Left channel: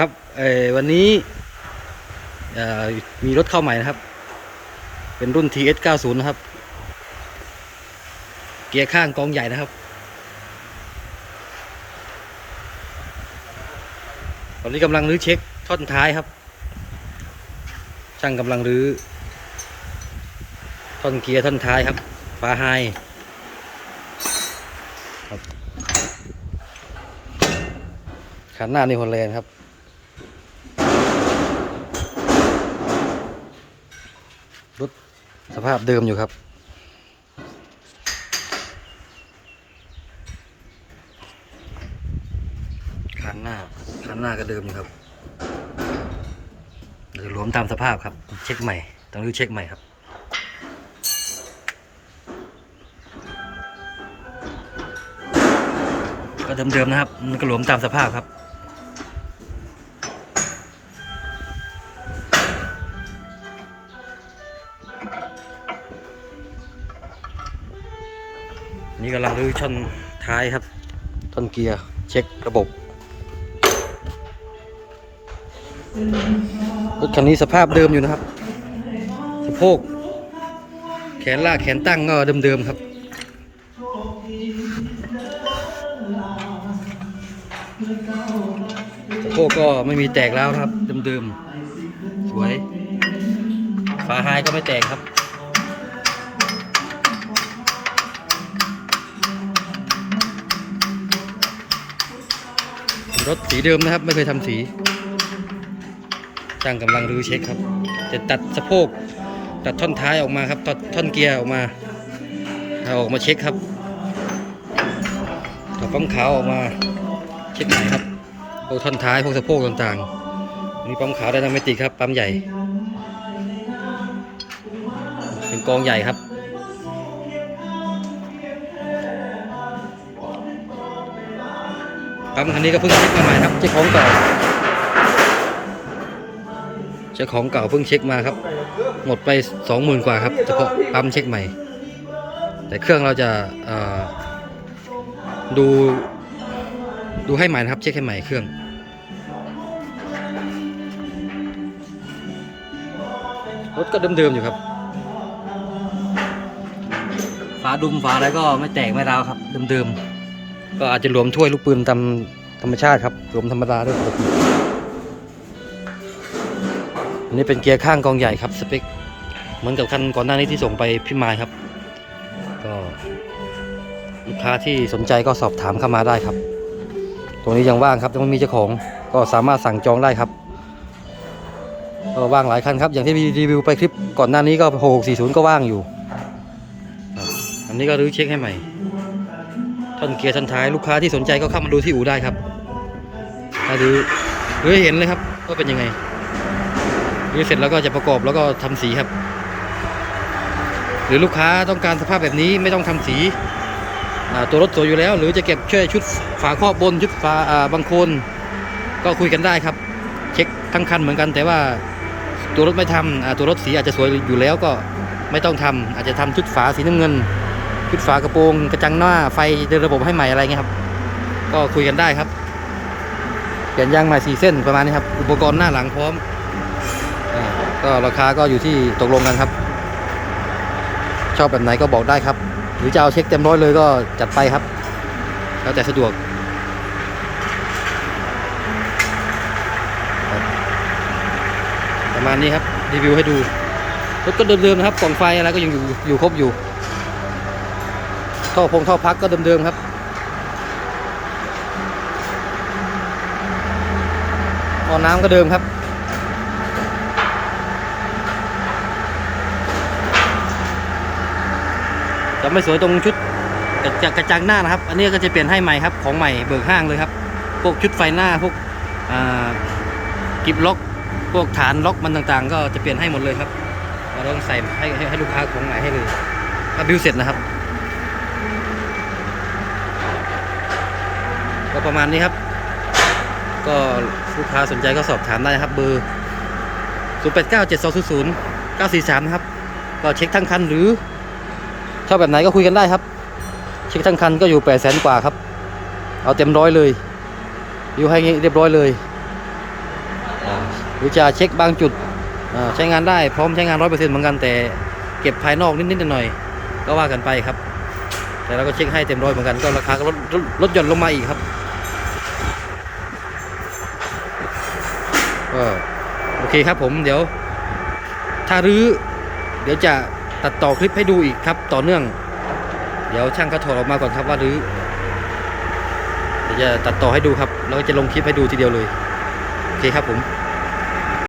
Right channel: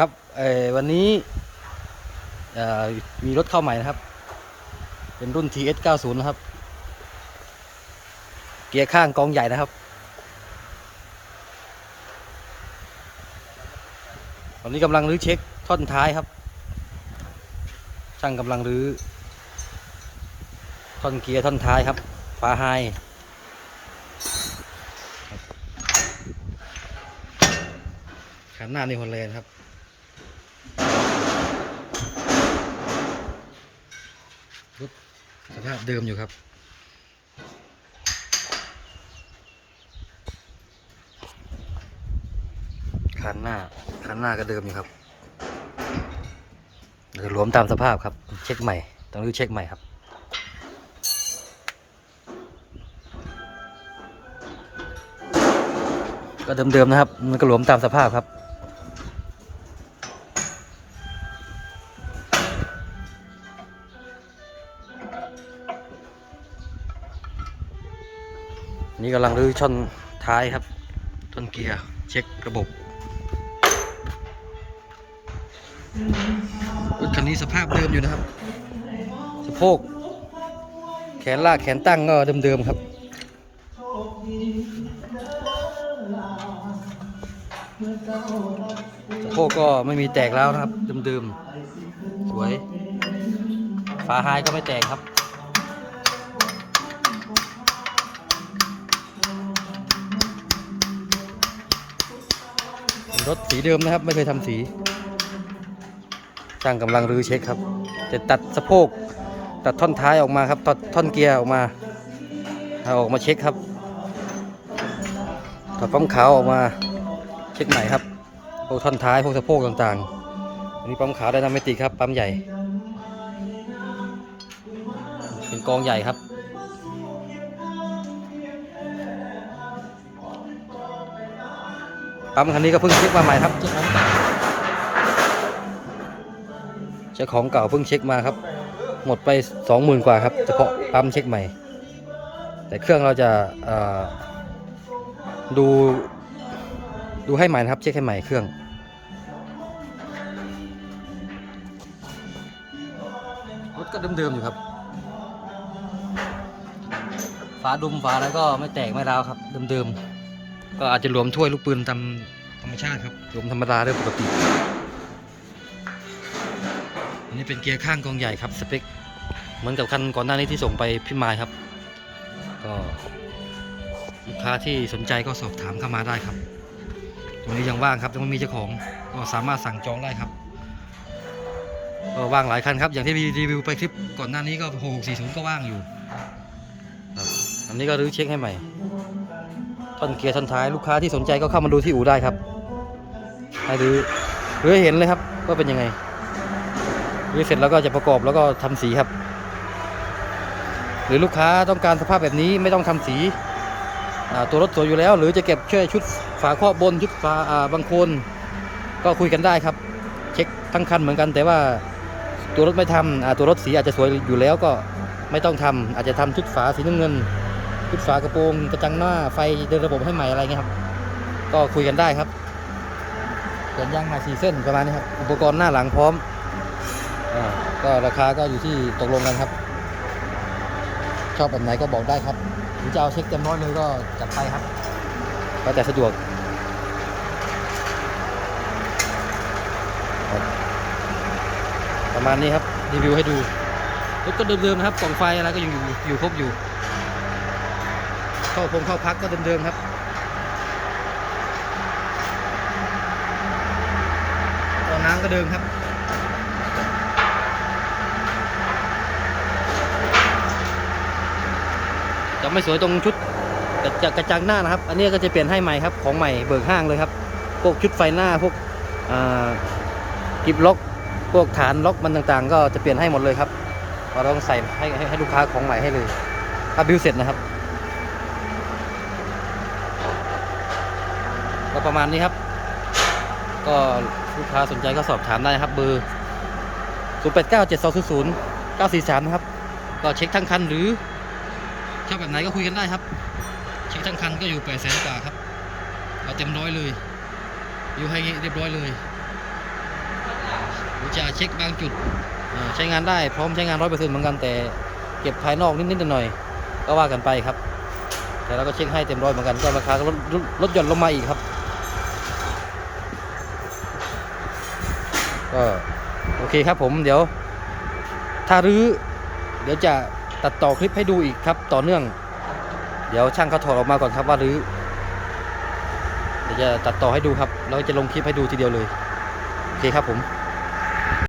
ครับวันนี้มีรถเข้าใหม่นะครับ เป็นรุ่น TS 90นะครับ เกียร์ข้างกองใหญ่นะครับ ตอนนี้กำลังรื้อเช็คท่อนท้ายครับ ช่างกำลังรื้อท่อนเกียร์ท่อนท้ายครับฟาไฮครับขันหน้านี่ฮอลแลนด์ครับ รถสภาพเดิมอยู่ครับ คันหน้า คันหน้าก็เดิมอยู่ครับเดี๋ยวรวมตามสภาพครับ เช็คใหม่ ต้องรื้อเช็คใหม่ครับก็เดิมๆนะครับ มันก็หลวมตามสภาพครับ นี่กำลังรื้อช่อนท้ายครับท่อนเกียร์เช็คระบบรถคันนี้สภาพเดิมอยู่นะครับสะโพกแขนลากแขนตั้งก็เดิมๆครับสะโพกก็ไม่มีแตกแล้วนะครับเดิมๆสวยฝาไฮก็ไม่แตกครับ รถสีเดิมนะครับ ไม่เคยทำสีช่างกำลังรื้อเช็คครับ จะตัดสะโพก ตัดท่อนท้ายออกมาครับตัดท่อนเกียร์ออกมาเอาออกมาเช็คครับถอดปั๊มขาวออกมาเช็คใหม่ครับพวกท่อนท้ายพวกสะโพกต่างๆอันนี้ปั๊มขาวไดนามิติครับปั๊มใหญ่ เป็นกองใหญ่ครับ ปั๊มคันนี้ก็เพิ่งเช็คมาใหม่ครับเช็คของเก่าเช็คของเก่าเพิ่งเช็คมาครับ หมดไปสองหมื่นกว่าครับเฉพาะปั๊มเช็คใหม่ แต่เครื่องเราจะดูดูให้ใหม่นะครับ เช็คให้ใหม่เครื่องรถก็เดิมๆอยู่ครับ ฝาดุมฝาอะไรก็ไม่แตกไม่ร้าวครับเดิมๆ ก็อาจจะรวมถ้วยลูกปืนตามธรรมชาติครับรวมธรรมดาด้วยปกติอันนี้เป็นเกียร์ข้างกองใหญ่ครับสเปคเหมือนกับคันก่อนหน้านี้ที่ส่งไปพิมายครับ ก็ ลูกค้าที่สนใจก็สอบถามเข้ามาได้ครับ ตรงนี้ยังว่างครับยังไม่มีเจ้าของก็สามารถสั่งจองได้ครับก็ว่างหลายคันครับ อย่างที่รีวิวไปคลิปก่อนหน้านี้ก็ 6640 ก็ว่างอยู่ อันนี้ก็รื้อเช็คให้ใหม่ ท่อนเกียร์ท่อนท้ายลูกค้าที่สนใจก็เข้ามาดูที่อู่ได้ครับถ้าดูหรือเห็นเลยครับว่าเป็นยังไงดูเสร็จแล้วก็จะประกอบแล้วก็ทำสีครับ หรือลูกค้าต้องการสภาพแบบนี้ไม่ต้องทำสีตัวรถสวยอยู่แล้ว หรือจะเก็บช่วยชุดฝาครอบบนชุดฝาบางโคนก็คุยกันได้ครับ เช็คทั้งคันเหมือนกัน แต่ว่าตัวรถไม่ทำอ่าตัวรถสีอาจจะสวยอยู่แล้วก็ไม่ต้องทำอาจจะทำชุดฝาสีน้ำเงิน ชุดฝากระโปรงกระจังหน้าไฟเดินระบบให้ใหม่อะไรเงี้ยครับ ก็คุยกันได้ครับเปลี่ยนยางใหม่สี่เส้นประมาณนี้ครับ อุปกรณ์หน้าหลังพร้อมอ่าก็ราคาก็อยู่ที่ตกลงกันครับ ชอบแบบไหนก็บอกได้ครับ หรือจะเอาเช็คเต็มร้อยเลยก็จัดไปครับ แล้วแต่สะดวกประมาณนี้ครับรีวิวให้ดูรถก็เดิมๆนะครับกล่องไฟอะไรก็ยังอยู่อยู่ครบอยู่ ท่อพงท่อพักก็เดิมๆครับท่อน้ำก็เดิมครับ จะไม่สวยตรงชุดกระจกระจังหน้านะครับ อันนี้ก็จะเปลี่ยนให้ใหม่ครับ ของใหม่เบิกห้างเลยครับ พวกชุดไฟหน้าพวกกิบล็อกพวกฐานล็อกมันต่างๆ ก็จะเปลี่ยนให้หมดเลยครับ เราต้องใส่ให้ให้ให้ลูกค้าของใหม่ให้เลยถ้าบิวเสร็จนะครับ ก็ประมาณนี้ครับ ก็ลูกค้าสนใจก็สอบถามได้นะครับ เบอร์ 0 8 9 7 2 0 0 9 4 3 นะครับ ก็เช็คทั้งคันหรือชอบแบบไหนก็คุยกันได้ครับ เช็คทั้งคันก็อยู่ 8 0 0 0 0กว่าครับ เอาเต็มร้อยเลย อยู่ให้เรียบร้อยเลยหรือจะเช็คบางจุดอ่าใช้งานได้พร้อมใช้งานร้อยเปอร์เซ็นต์เหมือนกันแต่เก็บภายนอกนิดๆหน่อยๆก็ว่ากันไปครับ แต่เราก็เช็คให้เต็มร้อยเหมือนกันก็ราคาก็ลดลดหย่อนลงมาอีกครับ ก็โอเคครับผมเดี๋ยว ถ้ารื้อเดี๋ยวจะตัดต่อคลิปให้ดูอีกครับต่อเนื่อง เดี๋ยวช่างเขาถอดออกมาก่อนครับว่ารื้อเดี๋ยวจะตัดต่อให้ดูครับแล้วจะลงคลิปให้ดูทีเดียวเลยโอเคครับผม